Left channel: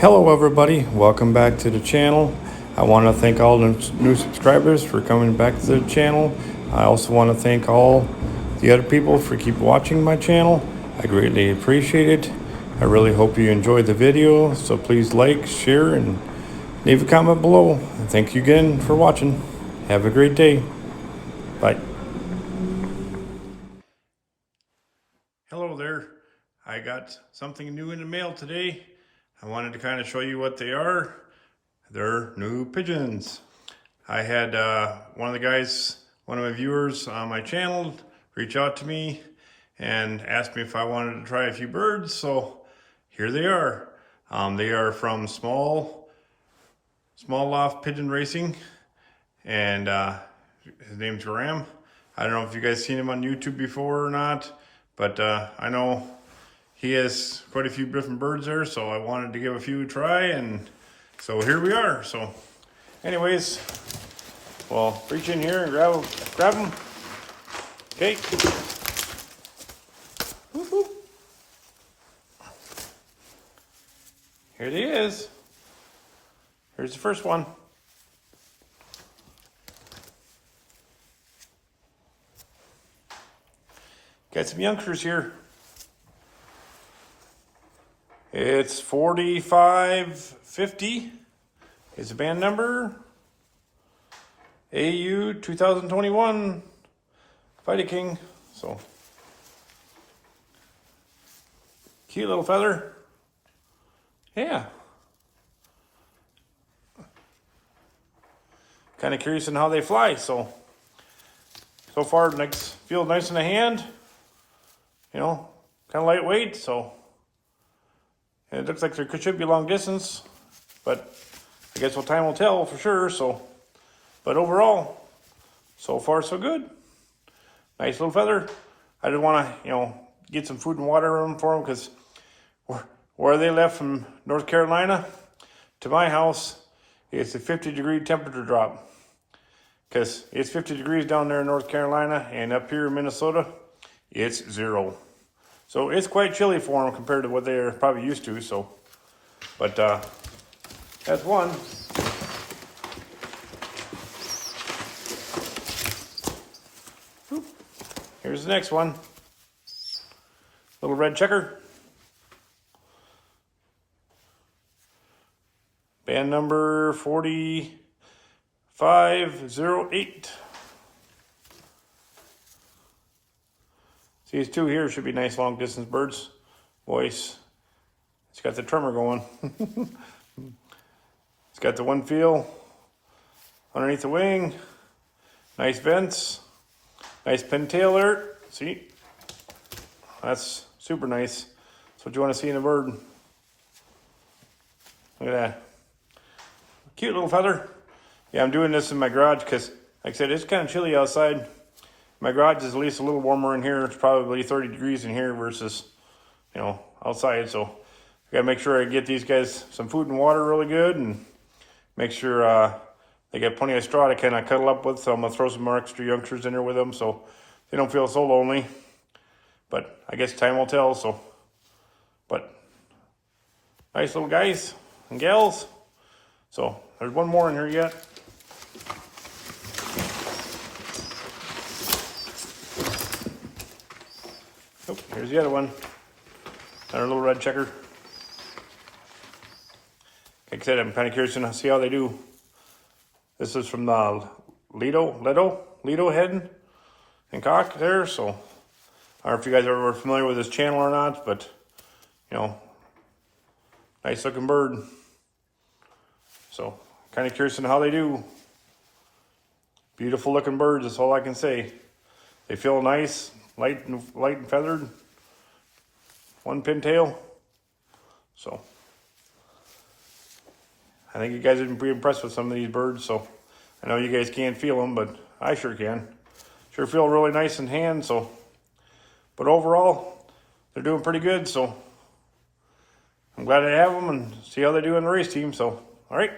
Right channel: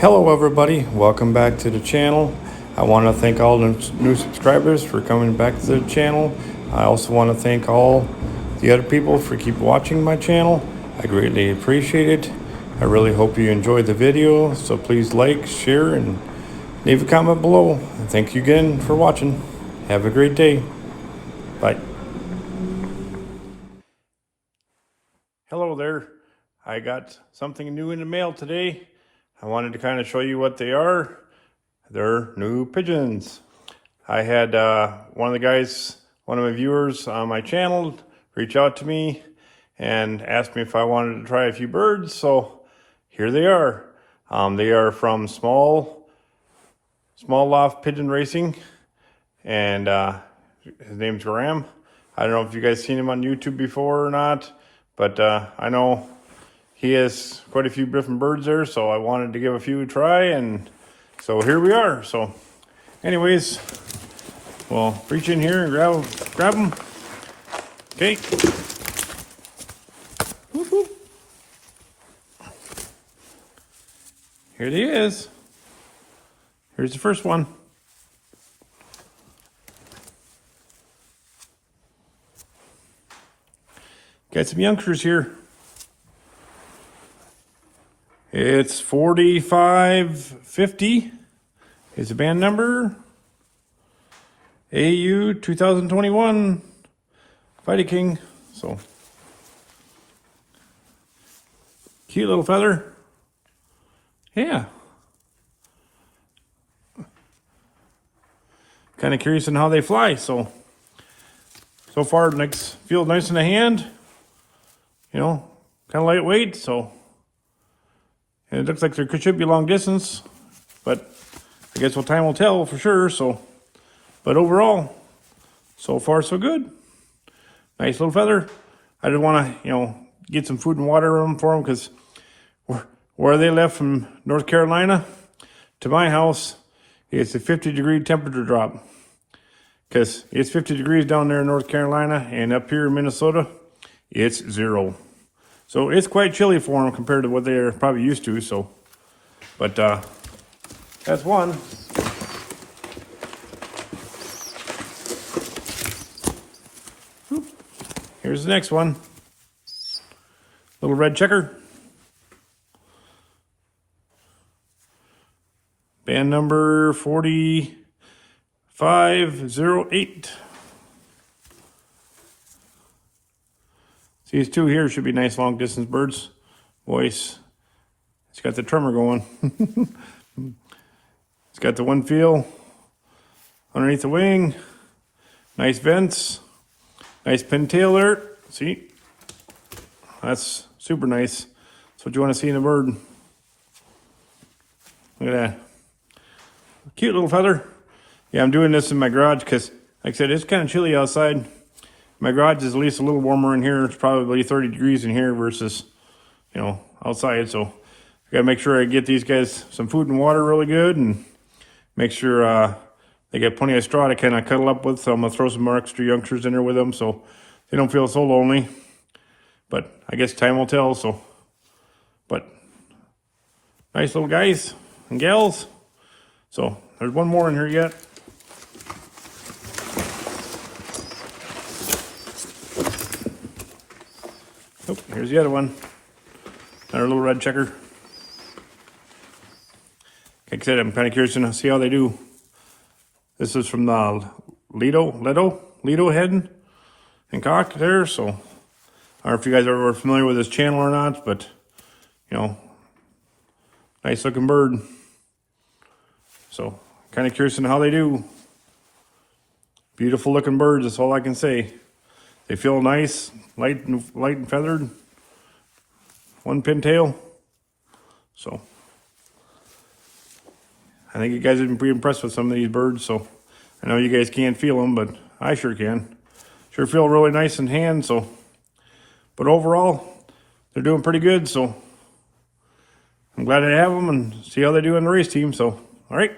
Hello everybody, welcome back to the channel. I want to thank all the new subscribers for coming back to the channel. I also want to thank all the other people for keep watching my channel. I greatly appreciate it. I really hope you enjoyed the video, so please like, share, and leave a comment below. Thank you again for watching. Have a great day. Bye. Hello there. I got something new in the mail today. I wanted to kind of show you what they are. They're new pigeons. I had one of the guys, one of my viewers on my channel, reach out to me and asked me if I wanted to try a few birds. So here they are. They are from small Loft Pigeon Racing, and his name's Graham. I don't know if you guys seen him on YouTube before or not, but I know he has quite a few different birds there, so I wanted to give a few a try, and so here we are. So anyways, we'll reach in here and grab them. Okay. Here he is. Here's the first one. Got some youngsters here. It's 4550 is the band number. AU 2021 Fighting King. So cute little feather. Yeah. Kind of curious on how they fly. So far, feel nice in the hand. You know, kind of lightweight. So. And it looks like there should be long distance, but I guess time will tell for sure. So, but overall, so far so good. Nice little feather. I just want to, get some food and water on for them, because where they left from North Carolina to my house, it's a 50-degree temperature drop. Because it's 50 degrees down there in North Carolina, and up here in Minnesota, it's 0. So it's quite chilly for them compared to what they're probably used to. So, but that's one. Here's the next one. Little red checker. Band number 4508. These two here should be nice long distance birds. Voice. It's got the tremor going. It's got the one feel underneath the wing. Nice vents. Nice pintail there. See? That's super nice. That's what you want to see in a bird. Look at that. Cute little feather. Yeah, I'm doing this in my garage because, like I said, it's kind of chilly outside. My garage is at least a little warmer in here. It's probably 30 degrees in here versus, outside. So I gotta make sure I get these guys some food and water really good, and make sure they get plenty of straw to kind of cuddle up with. So I'm gonna throw some more extra youngsters in there with them so they don't feel so lonely. But I guess time will tell. So, but nice little guys and gals. So there's one more in here yet. Oh, here's the other one. Another little red checker. Like I said, I'm kind of curious to see how they do. This is from the Lido head and cock there. So I don't know if you guys are familiar with this channel or not, but nice looking bird. So kind of curious on how they do. Beautiful looking birds, that's all I can say. They feel nice, light and feathered. One pintail. So I think you guys have been pretty impressed with some of these birds. So I know you guys can't feel them, but I sure can. Sure feel really nice in hand. So, but overall, they're doing pretty good. So I'm glad to have them and see how they do in the race team. So, all right.